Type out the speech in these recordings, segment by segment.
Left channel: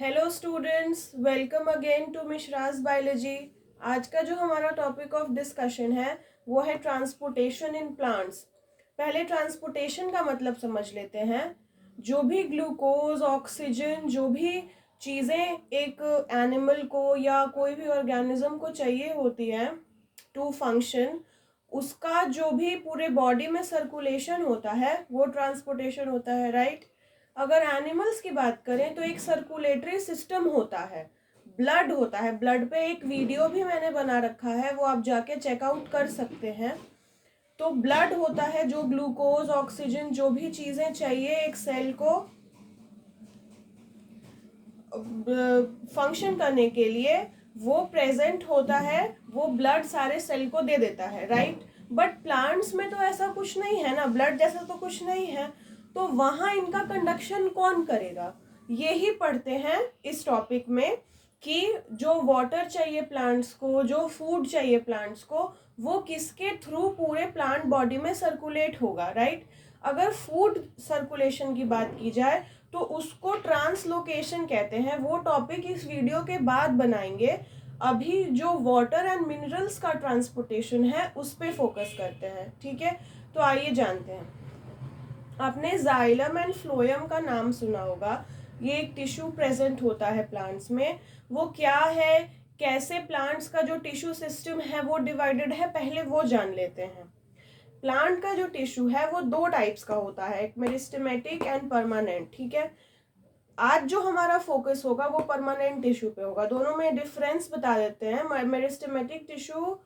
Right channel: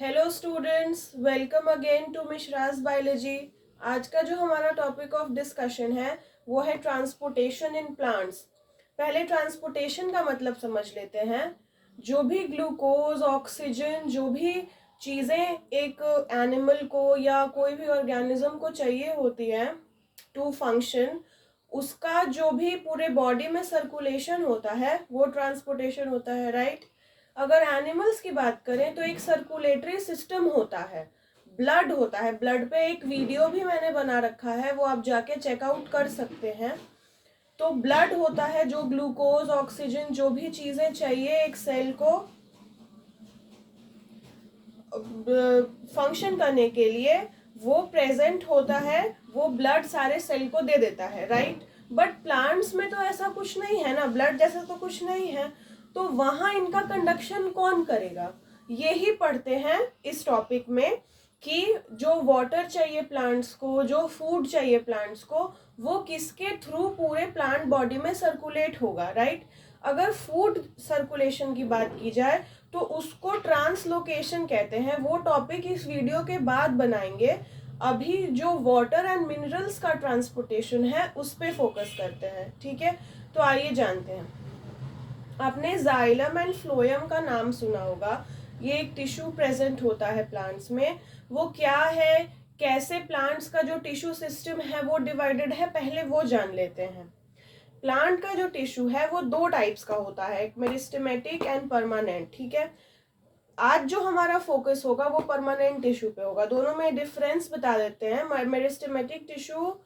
Hello students, welcome again to Mishra's biology. आज का जो हमारा टॉपिक ऑफ डिस्कशन है वो है ट्रांसपोर्टेशन इन प्लांट्स। पहले ट्रांसपोर्टेशन का मतलब समझ लेते हैं। जो भी ग्लूकोज, ऑक्सीजन, जो भी चीज़ें एक एनिमल को या कोई भी ऑर्गेनिज्म को चाहिए होती हैं टू फंक्शन, उसका जो भी पूरे बॉडी में सर्कुलेशन होता है वो ट्रांसपोर्टेशन होता है, राइट। अगर एनिमल्स की बात करें तो एक सर्कुलेटरी सिस्टम होता है, ब्लड होता है। ब्लड पे एक वीडियो भी मैंने बना रखा है, वो आप जाके चेकआउट कर सकते हैं। तो ब्लड होता है जो ग्लूकोज, ऑक्सीजन, जो भी चीज़ें चाहिए एक सेल को फंक्शन करने के लिए, वो प्रेजेंट होता है। वो ब्लड सारे सेल को दे देता है, राइट। बट प्लांट्स में तो ऐसा कुछ नहीं है ना, ब्लड जैसा तो कुछ नहीं है। तो वहाँ इनका कंडक्शन कौन करेगा, यही पढ़ते हैं इस टॉपिक में कि जो वाटर चाहिए प्लांट्स को, जो फूड चाहिए प्लांट्स को, वो किसके थ्रू पूरे प्लांट बॉडी में सर्कुलेट होगा, राइट। अगर फूड सर्कुलेशन की बात की जाए तो उसको ट्रांसलोकेशन कहते हैं। वो टॉपिक इस वीडियो के बाद बनाएंगे। अभी जो वाटर एंड मिनरल्स का ट्रांसपोर्टेशन है उस पर फोकस करते हैं, ठीक है। तो आइए जानते हैं। आपने जाइलम एंड फ्लोएम का नाम सुना होगा। ये एक टिश्यू प्रेजेंट होता है प्लांट्स में। वो क्या है, कैसे प्लांट्स का जो टिश्यू सिस्टम है वो डिवाइडेड है, पहले वो जान लेते हैं। प्लांट का जो टिश्यू है वो दो टाइप्स का होता है, एक मेरिस्टेमेटिक एंड परमानेंट, ठीक है। आज जो हमारा फोकस होगा वो परमानेंट टिश्यू पे होगा। दोनों में डिफरेंस बता देते हैं। मेरिस्टेमेटिक टिश्यू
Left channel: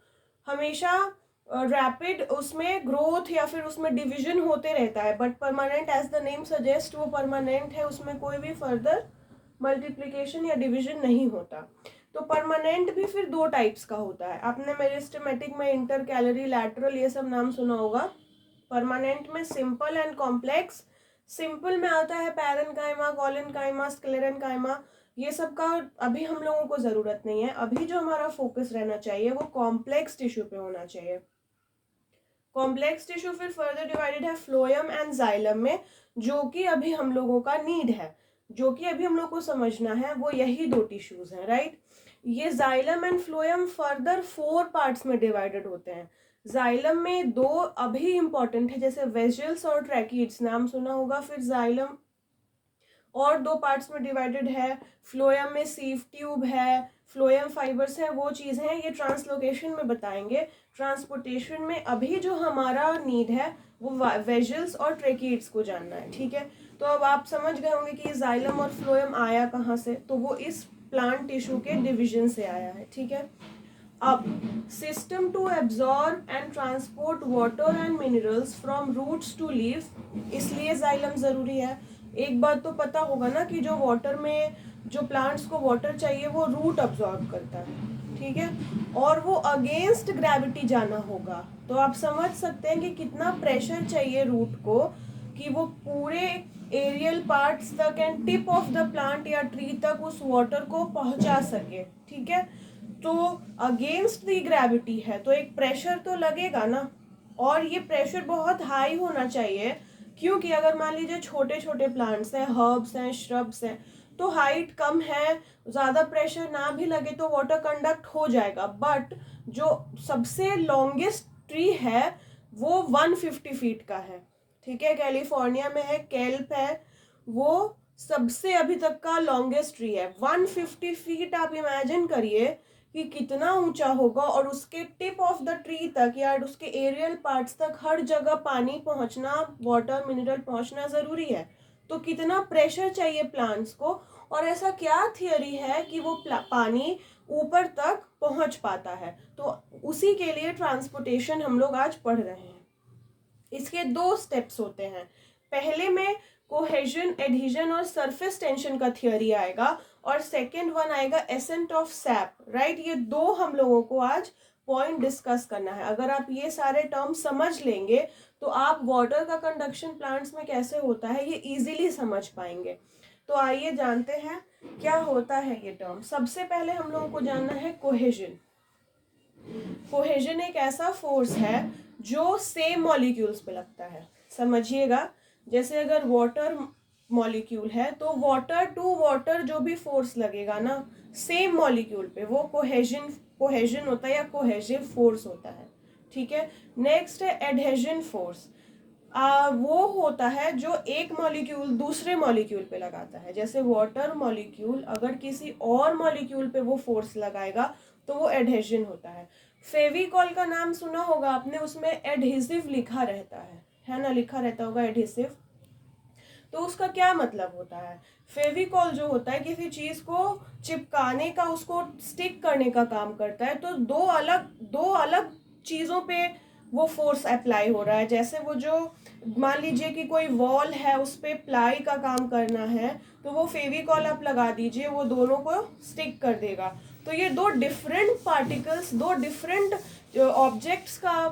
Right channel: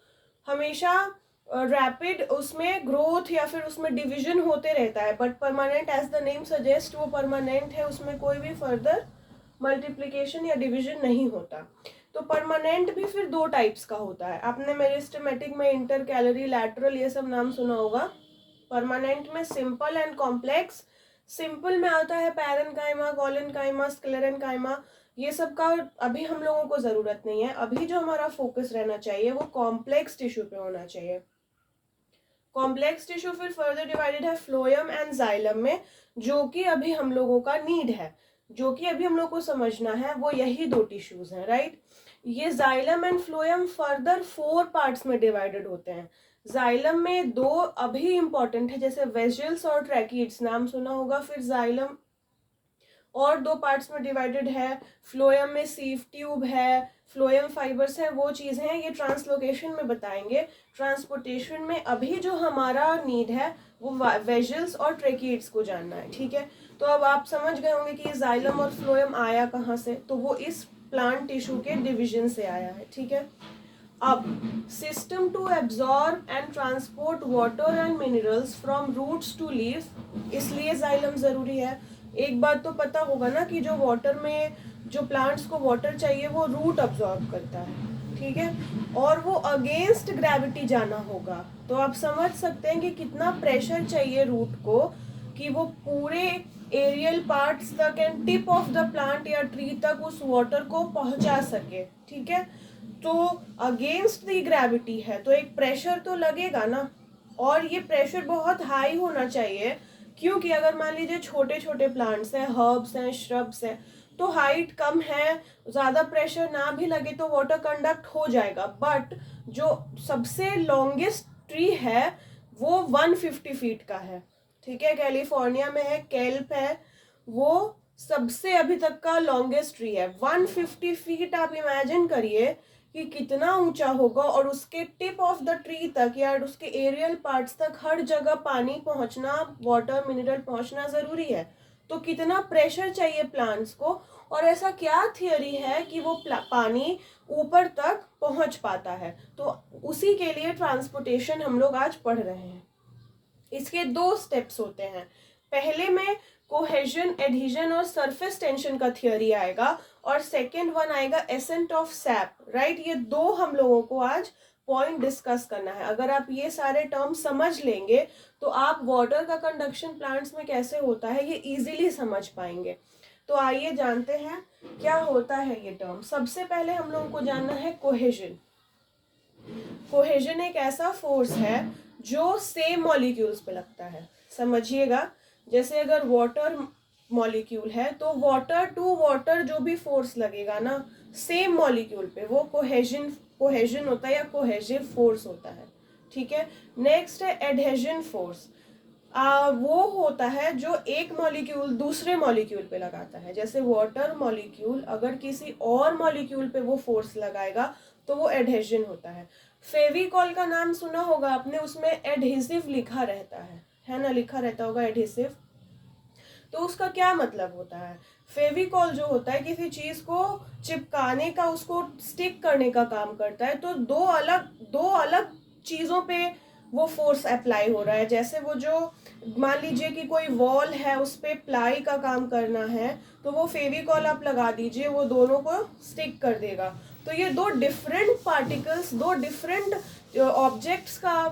हमेशा रैपिड उसमें ग्रोथ या फिर उसमें डिवीजन होते रहता है, but permanent as the name suggest वो परमानेंट है, उसमें कोई भी फर्दर मल्टीप्लिकेशन या डिवीजन नहीं होता। तो परमानेंट भी फिर दो टाइप्स का होता है। आपने मेरिस्टेमेटिक में इंटर कैलरी, लैटरल, ये सब नाम सुना होगा। परमानेंट में सिंपल एंड कॉम्प्लेक्स। सिंपल में आता है पैरेन्काइमा, कॉलेनकाइमा, स्क्लेरेन्काइमा। ये सब का अभी हम लोगों को जरूरत नहीं है। अभी जो हमारा फोकस रहना चाहिए वो कॉम्प्लेक्स टिश्यू पे होना चाहिए। कॉम्प्लेक्स टिश्यू फिर फर्दर डिवाइडेड है फ्लोएम एंड जाइलम में, जो कि अभी हम लोगों का नीड है, जो कि अभी हम लोग को समझना है, वो यही दो टिश्यूज हैं, राइट। ये xylem and phloem further 4 parts में डिवाइडेड होते हैं। जाइलम में दो अभी इंपॉर्टेंट है, जैसे वेजल्स और ट्रैकीड्स नाम सुना होगा। फिर जाइलम और दो पार्ट्स में डिवाइडेड है। फ्लोएम में सीव ट्यूब है, फ्लोएम फाइबर्स है, वो चीज़ है, ये ट्रांसलोकेशन में बताएंगे। ट्रांसपोर्टेशन में अभी जो हमारा नीड है वो वेजल्स और ट्रेकीड्स को जानना है, ठीक है। तो अब आप समझ गए होंगे कि जाइलम और फ्लोएम आया कहाँ से, तो वो इस प्लांट टिश्यू के डिवीजन से आया है, ठीक है। अब system to absorb and transport water and minerals from roots to leaf, इसलिए जाइलम जरूरी है। एक बात तो पता होगा ना कि जो वाटर में, जो प्लांट्स को वाटर चाहिए वो रूट अब्जॉर्ब करता है, ठीक है। और वो अगेंस्ट ग्रेविटी जाना होगा। तो आप समझ सकते हैं कि कितना प्रेशर चाहिए रूट को कि वो पूरे एरियल पार्ट्स तक and tip of the plant या ट्री तक उस वाटर को पहुंचा सके, ठीक है। तो अगेंस्ट द ग्रेविटी है तो एक प्रेशर तो लगेगा ना, और ये प्रेशर बहुत हाई होना चाहिए, क्योंकि अगर मान लीजिए छोटे छोटे प्लांट्स हैं, हर्ब्स हैं, श्रब्स हैं, तो हाइट कम है, ज़्यादा प्रेशर ना भी लगे तो वाटर कंडक्ट हो जाएगा। बट जो सबसे लॉन्गेस्ट ट्री है वो 150 फीट का है, ठीक है। कैलिफोर्निया में है, केल्प है, वो सबसे अभी तक का लॉन्गेस्ट ट्री है। 150 फीट, आप इमेजिन करिए कि कितना ऊंचा होगा, और उसके टिप ऑफ द ट्री तक या उसके एरियल पार्ट्स तक हर जगह पानी पहुंचना, वाटर मिनरल पहुंचना जरूरी है। तो कितना प्रेशर चाहिए प्लांट्स को, और ऐसा क्या थियरी है कि वो पानी ऊपर तक पहुंच पाता है, तो उसी के लिए ट्रांसपोर्टेशन हम लोग आज पढ़ रहे हैं। इसके दो स्टेप्स होते हैं। पहले में कोहेजन, एडहेजन और सरफेस टेंशन का थियरी आएगा, और सेकेंड वन आएगा एसेंट ऑफ सैप, राइट। ये दो हम लोगों को आज पॉइंट डिस्कस करना है। अगर आप ये सारे टर्म समझ लेंगे तो आप वाटर का कंडक्शन प्लांट्स में कैसे होता है ये इजीली समझ पाएंगे। तो आइए जानते हैं क्या होता है ये टर्म। सबसे पहले हम लोगों को जानना है कोहेजन। कोहेजन एक ऐसा फोर्स है जो सेम मॉलिक्यूल्स पे लगता है। समझिएगा, जैसे अगर वाटर मॉलिक्यूल है, तो वाटर टू वाटर जो भी फोर्स लगेगा ना सेम मॉलिक्यूल पे, वो कोहेजन होता है या कोहेजिव फोर्स होता है। ठीक है, नेक्स्ट है एडहेजन फोर्स। वो होता है जो एक मॉलिक्यूल दूसरे मॉलिक्यूल पे लगाता है। जैसे वाटर मॉलिक्यूल अगर किसी और मॉलिक्यूल पे वो फोर्स लगाएगा तो वो एडहेजन होता है। फेविकॉल का नाम सुना होगा आपने, उसमें एडहेसिव लिखा रहता है ना, लिखा रहता होगा एडहेसिव। तो उसका क्या मतलब होता है? फेविकॉल जो होता है किसी चीज को चिपकाने का, उसको स्टिक करने का काम करता है। तो दो अलग चीजों पे वो फोर्स अप्लाई हो रहा है। जैसे वो जो मान लीजिए कि कोई वॉल है, उस पे प्लाई का काम करना है, तो वो फेविकॉल आप लगा दीजिए, वो दोनों को स्टिक कर देगा। तो ये दो डिफरेंट पार्टिकल्स, दो डिफरेंट ऑब्जेक्ट्स का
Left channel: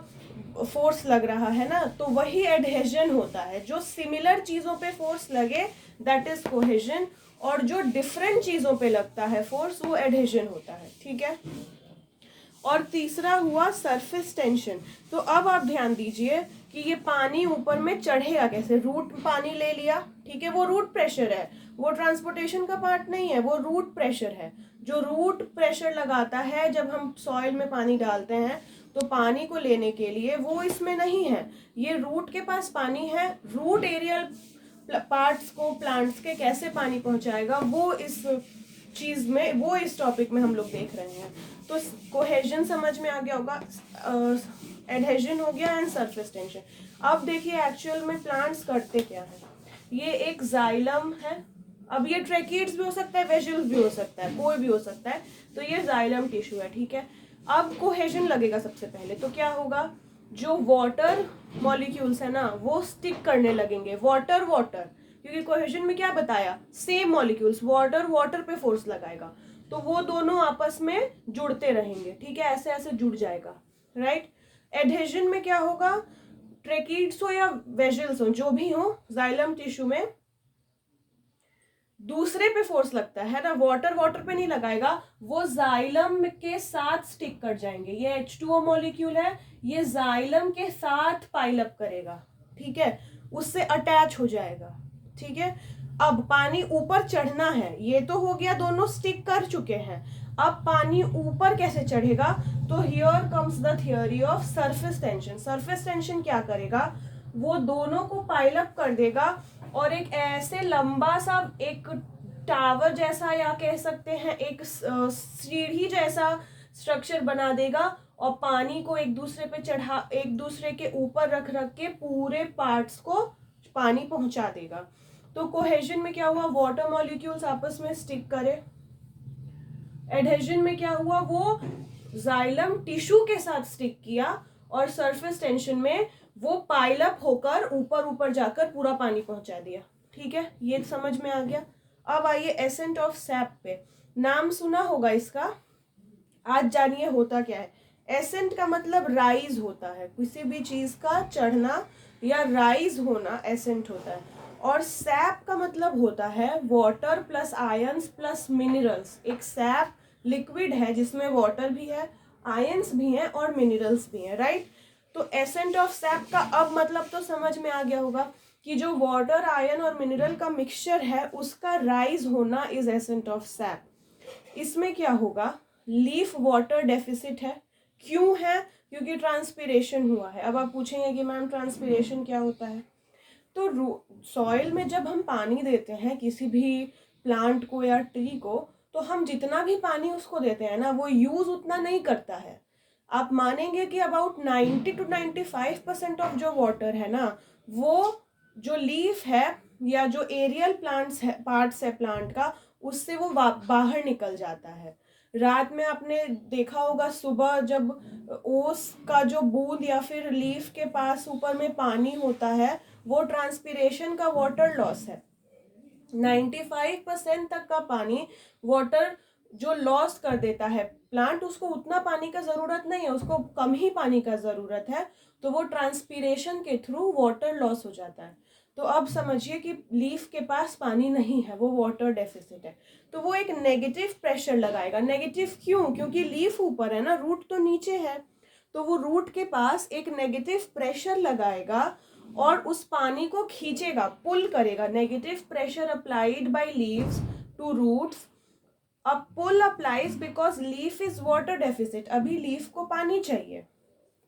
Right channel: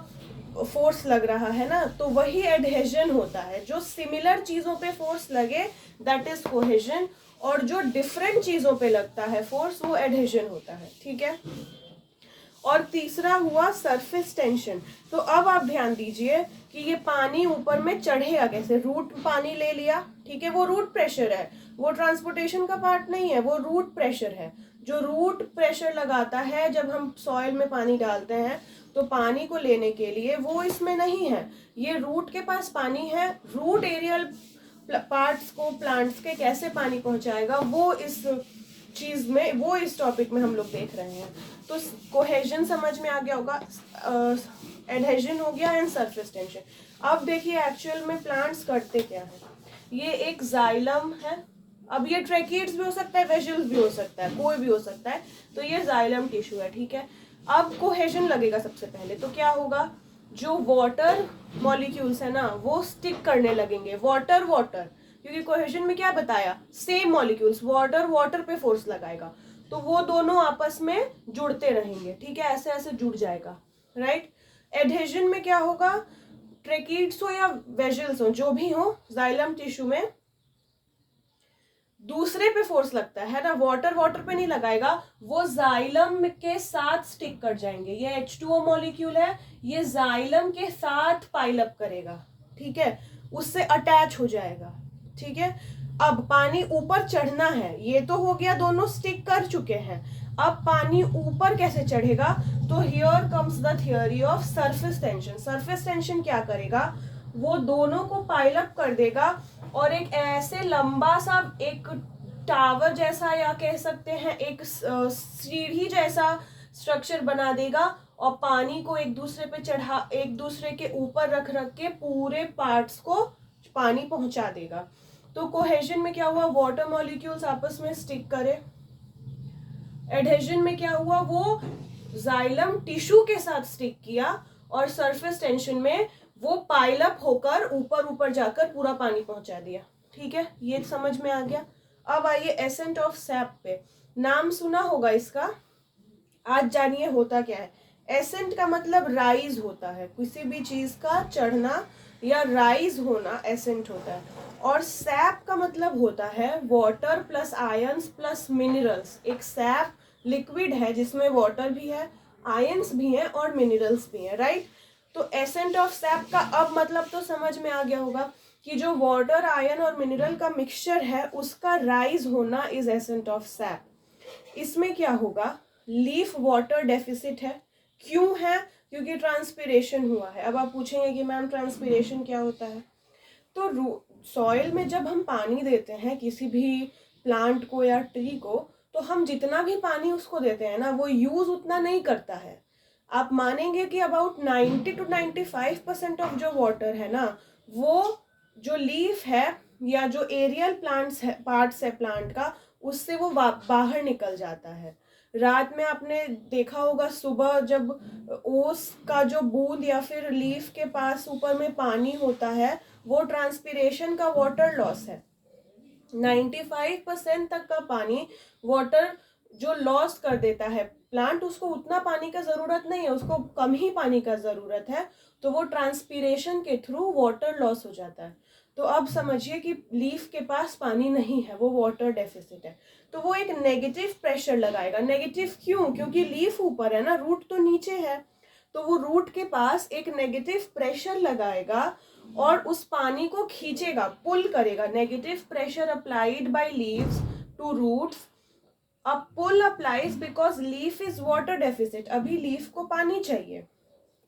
फोर्स लग रहा है ना, तो वही एडहेजन होता है। जो सिमिलर चीजों पे फोर्स लगे दैट इज कोहेजन, और जो डिफरेंट चीजों पे लगता है फोर्स वो एडहेजन होता है। ठीक है, और तीसरा हुआ सरफेस टेंशन। तो अब आप ध्यान दीजिए कि ये पानी ऊपर में चढ़ेगा कैसे। रूट पानी ले लिया, ठीक है, वो रूट प्रेशर है, वो ट्रांसपोर्टेशन का पार्ट नहीं है, वो रूट प्रेशर है। जो रूट प्रेशर लगाता है जब हम सॉइल में पानी डालते हैं, तो पानी को लेने के लिए वो इसमें नहीं है, ये रूट के पास पानी है। रूट एरियल पार्ट्स को प्लांट्स के कैसे पानी पहुंचाएगा, वो इस चीज में, वो इस टॉपिक में हम लोग देख रहे हैं। तो कोहेजन समझ में आ गया होगा, एडहेजन हो गया एंड सरफेस टेंशन। अब देखिए एक्चुअल में प्लांट्स करते क्या है। ये एक जाइलम है, अब ये ट्रैकिड्स भी हो सकता है, वेजिल्स भी हो सकता है, कोई भी हो सकता है। तो ये जाइलम टिश्यू है। ठीक है, अब कोहेजन लगेगा सबसे पहले, तो क्या होगा, जो वाटर मॉलिक्यूल्स है ना वो स्टिक करने लगेंगे, वाटर वाटर, क्योंकि कोहेजन में क्या बताया, सेम मॉलिक्यूल्स, वाटर वाटर पे फोर्स लगाएगा, तो वो दोनों आपस में जुड़ते रहेंगे। ठीक है, ऐसे ऐसे जुड़ जाएगा, राइट। एडहेजन में क्या होगा, ट्रैकिड्स हो या वेजिल्स हो, जो भी हो, जाइलम टिश्यू में दूसरे पे फोर्स लगता है ना, वाटर वाटर पे नहीं लगाएगा, वो जाइलम के साथ स्टिक कर जाएंगे। ये H2O मॉलिक्यूल है, ये जाइलम के साथ पाइल अप करेगा। ठीक है, उससे अटैच हो जाएगा। ठीक है, अब पानी ऊपर चढ़ना है, ये तो हो गया, दोनों स्टिक कर चुके हैं। अब पानी ऊपर कैसे चढ़ेगा, तो here comes the theory of surface tension. Surface tension क्या करेगा, वो दोनों को पाइल अप कर देगा और एक ऐसे लंबा सा एक टावर जैसा, या कह सकते हैं एक सीढ़ी जैसा स्ट्रक्चर बना देगा, और पानी को एक दूसरे पे चढ़ा, एक दूसरे के ऊपर रख रख के पूरे पार्ट्स को पानी पहुंचा देगा। तो कोहेजन में क्या हुआ, वाटर मॉलिक्यूल्स आपस में स्टिक करे। एडहेजन में क्या हुआ, वो जाइलम टिश्यू के साथ स्टिक किया, और सरफेस टेंशन में वो पाइल अप होकर ऊपर ऊपर जाकर पूरा पानी पहुंचा दिया। ठीक है, ये समझ में आ गया। अब आइए एसेंट ऑफ सैप पे, नाम सुना होगा इसका, आज जानिए होता क्या है। एसेंट का मतलब राइज होता है, किसी भी चीज का चढ़ना या राइज होना एसेंट होता है। और सैप का मतलब होता है water plus ions plus minerals. एक सैप लिक्विड है जिसमें वाटर भी है, आयंस भी हैं और मिनरल्स भी हैं, राइट। तो एसेंट ऑफ सैप का अब मतलब तो समझ में आ गया होगा कि जो वाटर, आयन और मिनरल का मिक्सचर है उसका राइज होना इज एसेंट ऑफ सैप। इसमें क्या होगा, लीफ वाटर डेफिसिट है। क्यों है, क्योंकि ट्रांसपिरेशन हुआ है। अब आप पूछेंगे कि मैम ट्रांसपिरेशन क्या होता है, तो सॉइल में जब हम पानी देते हैं किसी भी प्लांट को या ट्री को, तो हम जितना भी पानी उसको देते हैं ना वो यूज उतना नहीं करता है। आप मानेंगे कि अबाउट 90 to 95% ऑफ जो वाटर है ना, वो जो लीफ है या जो एरियल प्लांट्स है, पार्ट्स है प्लांट का, उससे वो बाहर निकल जाता है। रात में आपने देखा होगा, सुबह जब ओस का जो बूंद या फिर लीफ के पास ऊपर में पानी होता है, वो ट्रांसपिरेशन का वाटर लॉस है। 95% तक का पानी वाटर जो लॉस कर देता है प्लांट, उसको उतना पानी का जरूरत नहीं है, उसको कम ही पानी का जरूरत है, तो वो ट्रांसपिरेशन के थ्रू वाटर लॉस हो जाता है। तो अब समझिए कि लीफ के पास पानी नहीं है, वो वाटर डेफिसिट है, तो वो एक नेगेटिव प्रेशर लगाएगा। नेगेटिव क्यों, क्योंकि लीफ ऊपर है ना, रूट तो नीचे है, तो वो रूट के पास एक नेगेटिव प्रेशर लगाएगा और उस पानी को खींचेगा, पुल करेगा। Negative pressure applied by leaves to roots, a pull applies because leaf is water deficit. अभी लीफ को पानी चाहिए,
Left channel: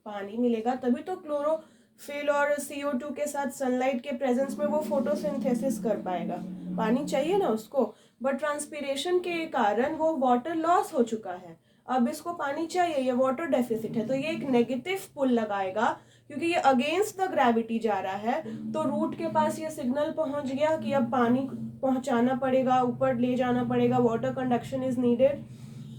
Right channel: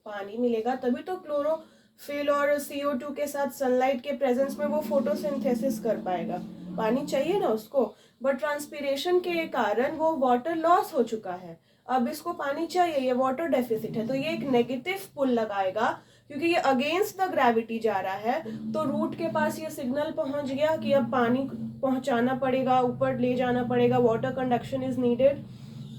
पानी मिलेगा तभी तो क्लोरोफिल और CO2 के साथ सनलाइट के प्रेजेंस में वो फोटोसिंथेसिस कर पाएगा, पानी चाहिए ना उसको। बट ट्रांसपीरेशन के कारण वो वाटर लॉस हो चुका है, अब इसको पानी चाहिए, ये वाटर डेफिसिट है, तो ये एक नेगेटिव पुल लगाएगा क्योंकि ये अगेंस्ट द ग्रेविटी जा रहा है। तो रूट के पास ये सिग्नल पहुंच गया कि अब पानी पहुंचाना पड़ेगा, ऊपर ले जाना पड़ेगा, वाटर कंडक्शन इज नीडेड।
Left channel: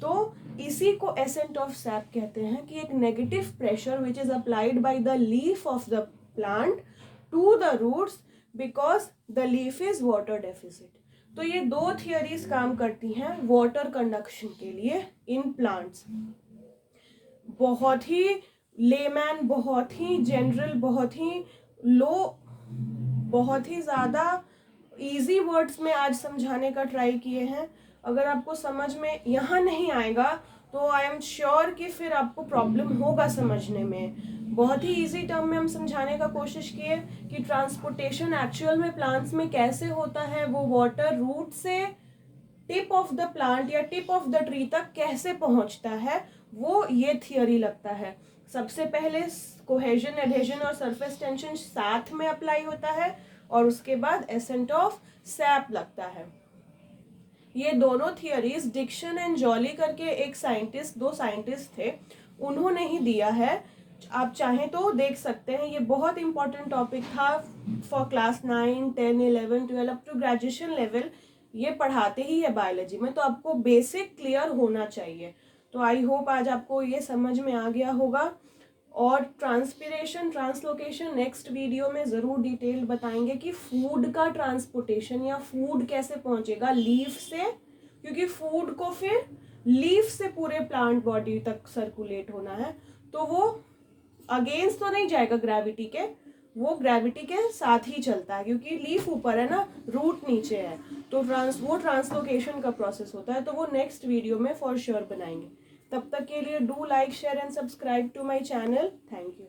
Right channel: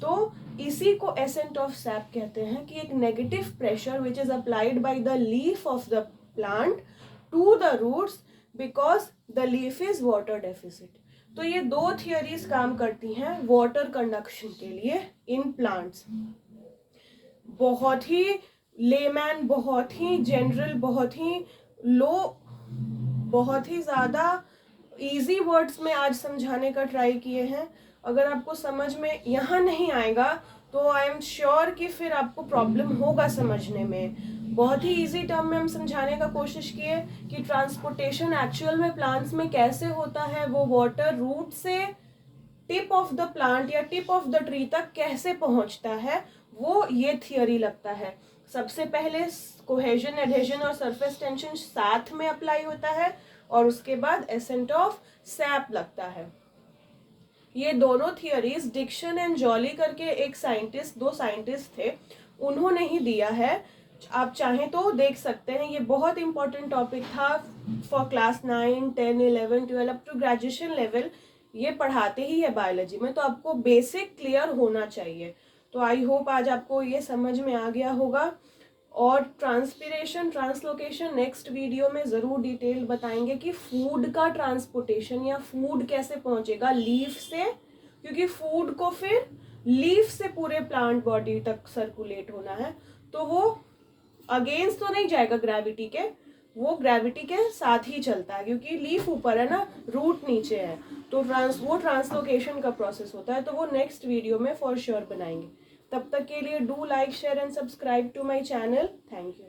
तो इसी को एसेंट ऑफ सैप कहते हैं कि एक negative pressure which is applied by the leaf of the plant to the roots because the leaf is water deficit. तो ये दो थियरीज काम करती हैं वाटर कंडक्शन के लिए इन प्लांट्स। बहुत ही लेमैन, बहुत ही जनरल, बहुत ही लो, बहुत ही ज़्यादा इजी वर्ड्स में आज समझाने का ट्राई किए हैं। अगर आपको समझ में यहाँ नहीं आएगा तो आई एम श्योर कि फिर आपको प्रॉब्लम होगा समझने में। बहुत ही इजी टर्म में हम समझाने का कोशिश किए कि ट्रांसपोर्टेशन एक्चुअल में प्लांट्स में कैसे होता है, वो वाटर रूट से टिप ऑफ द प्लांट या टिप ऑफ द ट्री तक कैसे पहुंचता है, वो ये थियरी लगता है। सबसे पहले कोहेजन, एडहेजन और सरफेस टेंशन साथ में अप्लाई होता है और उसके बाद एसेंट ऑफ सैप लगता है। ये दोनों थियरीज डिक्सन एंड जॉली करके एक साइंटिस्ट, दो साइंटिस्ट थे, उन्होंने ही दिया है। आप चाहें तो देख सकते हैं, ये बहुत इंपॉर्टेंट टॉपिक था for class 9, 10, 11, 12 up to graduation level. ये पढ़ाते ही है बायोलॉजी में, तो आपको बेसिक क्लियर होना चाहिए। तो आई होप आज आपको ये समझ में आ गया होगा। और ट्रांसपीरेशन, ट्रांसलोकेशन नेक्स्ट वीडियो में ज़रूर डिटेल बताएंगे कि फूड का ट्रांसपोर्टेशन या फूड कैसे पहुंचेगा लीफ से, क्योंकि फूड को फिर लीफ से पूरे प्लांट बॉडी तक सर्कुलेट होना है। तो वो अगेंस्ट तो नहीं जाएगा ग्रेविटी के, वो ग्रेविटी के साथ ही चलता है क्योंकि लीफ ऊपर है ना, रूट नीचे है। तो वो ट्रांसलोकेशन का प्रोसेस होता है। तो वो नेक्स्ट वीडियो में फॉर श्योर बनाएंगे। तब तक के लिए do like, share and subscribe to my channel. Thank you.